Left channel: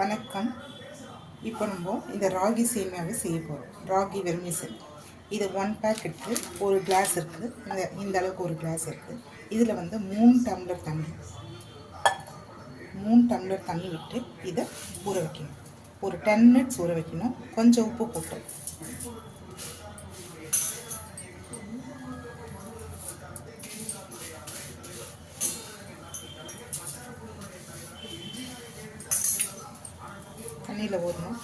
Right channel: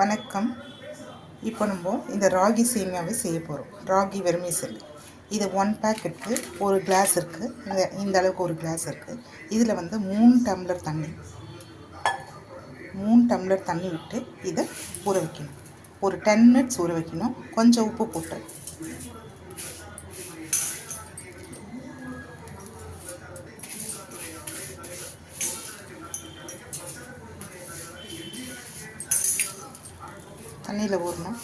வணக்கம். இப்போ நம்ம இந்த ராகி சேமியாவை செய்ய போகிறோம் ராகி வெர்மிசல் இது ஒன் பேக்கெட்டு ஒரு கிளாஸ் இருக்குது இந்த இந்த அளவுக்கு ஒரு கிளாஸ் இருக்குது இதில் வந்து மூணு டம்ளர் தண்ணி. மூணு டம்ளர் தண்ணி விட்டு இதை ஊற வைக்கணும். ஒரு டென் மினிட்ஸ் ஊற வைக்கணும். கொஞ்சம் உப்பு போட்டு. தண்ணியில் ஊறணும்.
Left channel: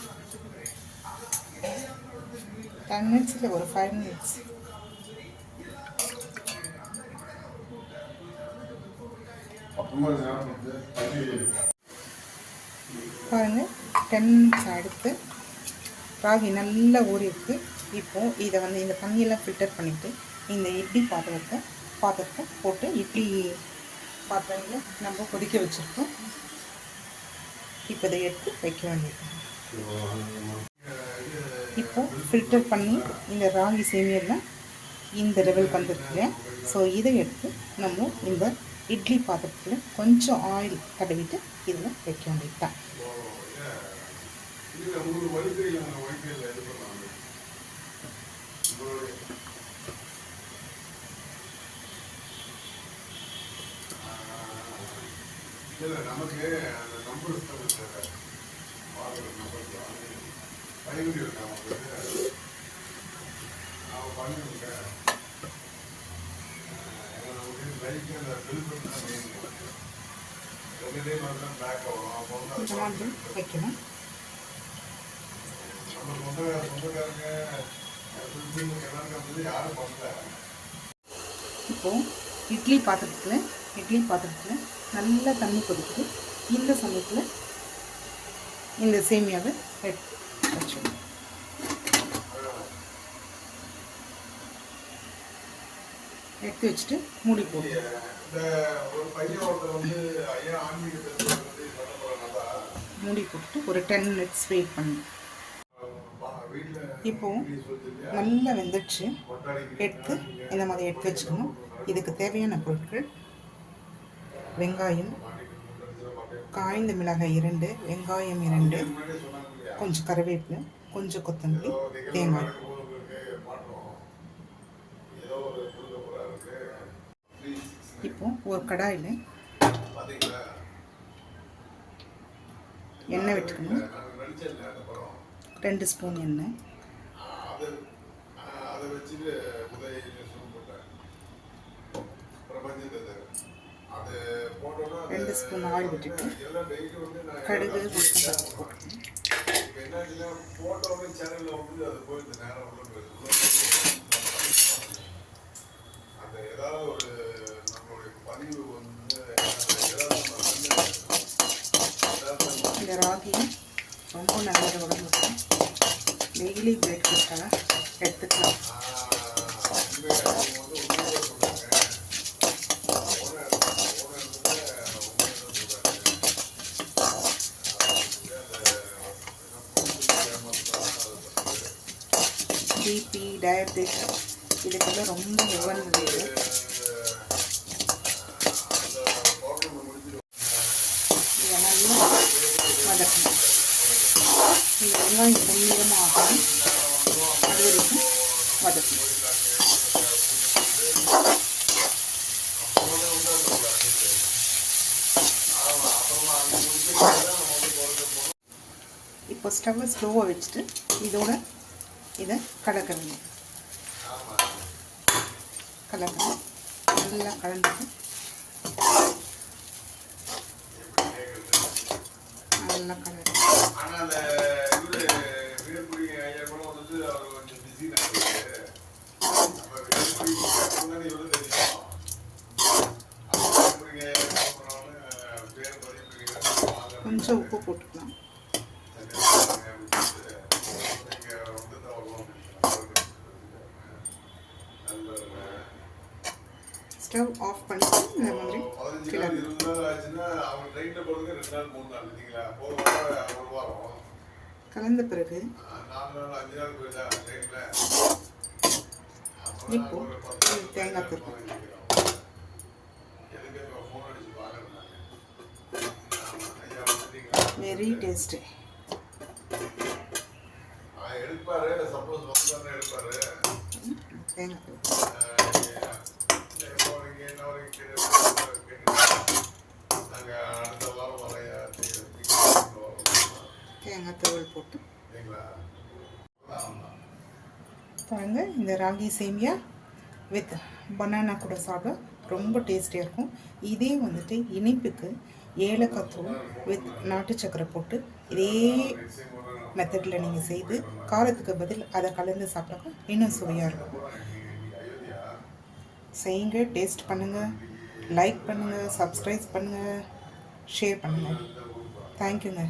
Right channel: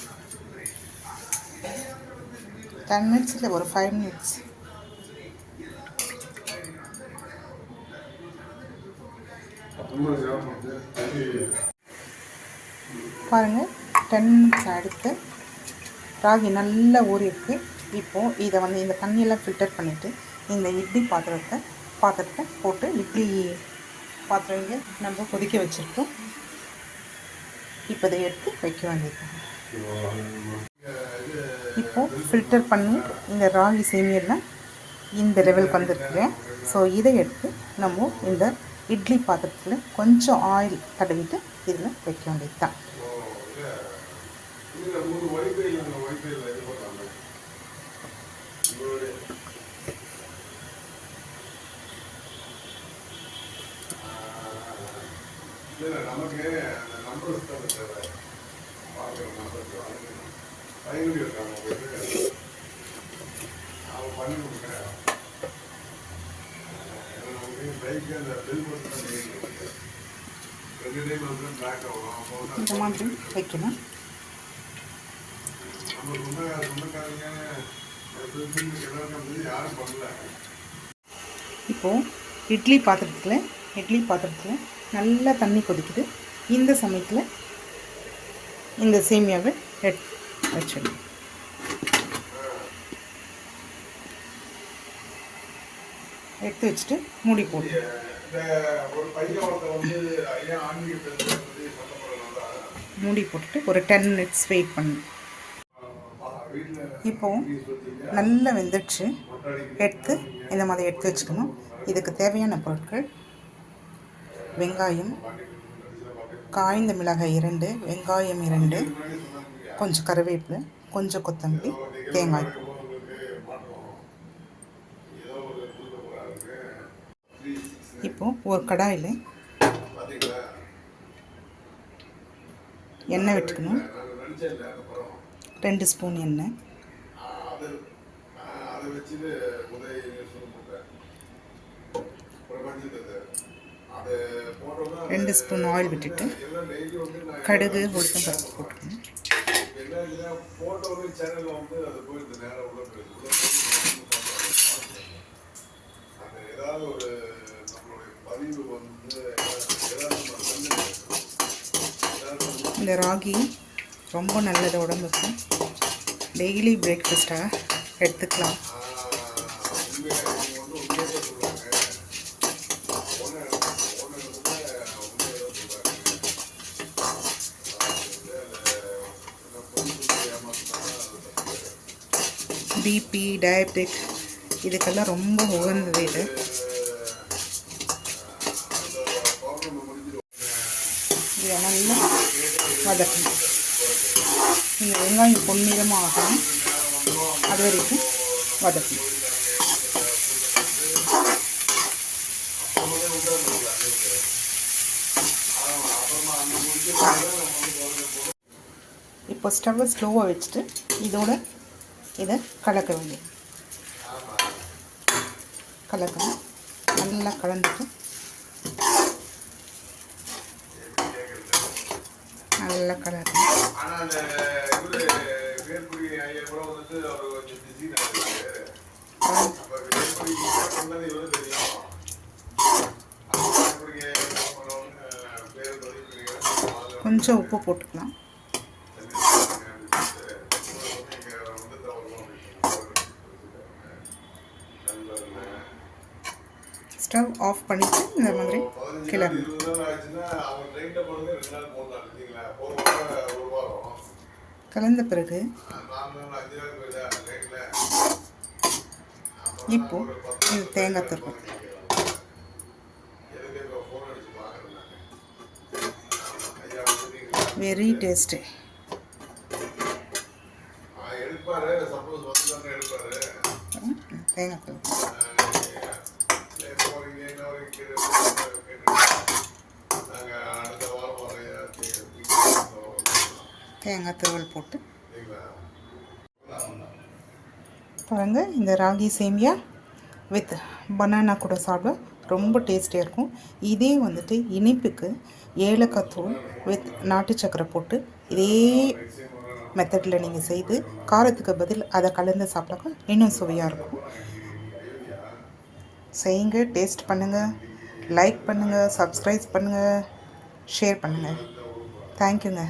டென் மினிட்ஸ் இல்லை ஒரு ஃபைவ் மினிட்ஸ் பாருங்கள் டென் மினிட்ஸ் அடுத்து ராகி நல்லா ஊறிருக்கு இப்போது இதை வந்து இந்த தண்ணியெல்லாம் ஃபில்டர் பண்ணிவிட்டு இந்த இட்லி பாத்திரத்தை பாத்திரத்தை போட்டு இட்லி பாத்திரங்க நம்ம கொதிக்க வச்சுருக்கோம். இப்போ இதை எடுத்து வைக்க வேண்டியது. இப்போ ஃபில்டர் பண்ணி இந்த ராகி சேமியெல்லாம் இந்த லெவலுக்கு வந்துருக்குறேன் ஸோ இதை எடுத்து நம்ம இந்த இட்லி பாத்திரத்தில் கொஞ்சம் ஆயில் தடவிட்டு இதில் வைக்க வேண்டியது தான் நமக்கு அந்த பார்க்குற நம்பர் பயனுடைய இருக்காங்க அவன் பண்ணி நமக்கு பைக்கு அந்த பில் தான் மெயின் ரெண்டு டைம் வந்து பேக் ஆகும் அப்போ வந்து வைக்கணும் நம்ம சொந்த சொந்தக்காரங்க எல்லாருக்கும் யாரும் பண்ணல இப்போது இட்லி பாத்திரத்தில் இட்லி பாத்திரத்தில் நல்லா தண்ணி கொதிக்குது. இந்த சமயத்தில் இந்த சேமியாவை எடுத்து வச்சிடணும் எடுத்து வச்சுட்டு மூடி போட்டு மூடி போட்டுட்டு ஒரு டென் மினிட்ஸ் வெயிட் பண்ணணும் வீட்டில் இப்போது நல்லா வெந்துடுச்சு. எடுத்து இந்த மாதிரி எடுத்து வச்சுக்கணும். இதுக்கு தேவையான பொருட்கள் வெங்காயம் காய்ந்த மிளகாய் இரண்டு வெங்காயம் இரண்டு கொஞ்சம் கருவேப்பிலை கொஞ்சம் கொத்தமல்லி தேங்காய். இப்போ ஒரு கடாயில் எண்ணெய் விட்டுக்கணும். ரெண்டு ஸ்பூன் எண்ணெய். அதை வச்சுட்டு ரெண்டு ஸ்பூன் ஆயில் விட்டுட்டு கடுகு உளுத்தம் பருப்பு போட்டுக்கணும். இந்த ராகி ரொம்ப நல்லது உடம்புக்கு. டெய்லி பிரேக்ஃபாஸ்ட்டாக எடுத்துக்கலாம். பிபி டயபெட்டிக் இதுக்கெல்லாம் ரொம்ப உகந்தது இது. நல்லா வதக்கணும். இந்த வெங்காயம் பொன்னிறமாக ஆகணும் அது வரைக்கும் வதக்கணும். இப்போ ஸ்டவ்வை ஸ்லோவாக வச்சுட்டு இதோட இதை கலக்க வேண்டியது. கலக்கணும். நல்லா கலந்துட்டு. நல்லா கலக்கணும். ஆனா அந்த இவரு ஸ்டவ் ஆஃப் பண்ணிவிட்டு இந்த மாதிரி வாரம் கலந்த பிறகு இப்போ இது தேங்காய் துருவல் எதுக்கு இப்போ ஃபோன் அடிச்சு தேங்காய் தூள் போட்டு. பாருங்க இந்த ராகி சேமியா வித் பனானா கூட சாப்பிட ரொம்ப டேஸ்டியாக இருக்கும். இதே வந்துட்டு இனிப்புக்கு ஏலக்காய் தூள் வித் நாட்டு சக்கரை போட்டு இதே மெத்தடில் நீங்கள் செய்து காரத்துக்கு பதில் அதை கலந்து சாப்பிட்டாக்க இன்னும் சுவையாக இருக்கும். செய்யுங்க டேஸ்ட் பண்ணுங்கள் லைக் பண்ணுங்கள் சப்ஸ்கிரைப் பண்ணுங்கள் ஷேர் பண்ணுங்கள் தேங்க்யூங்க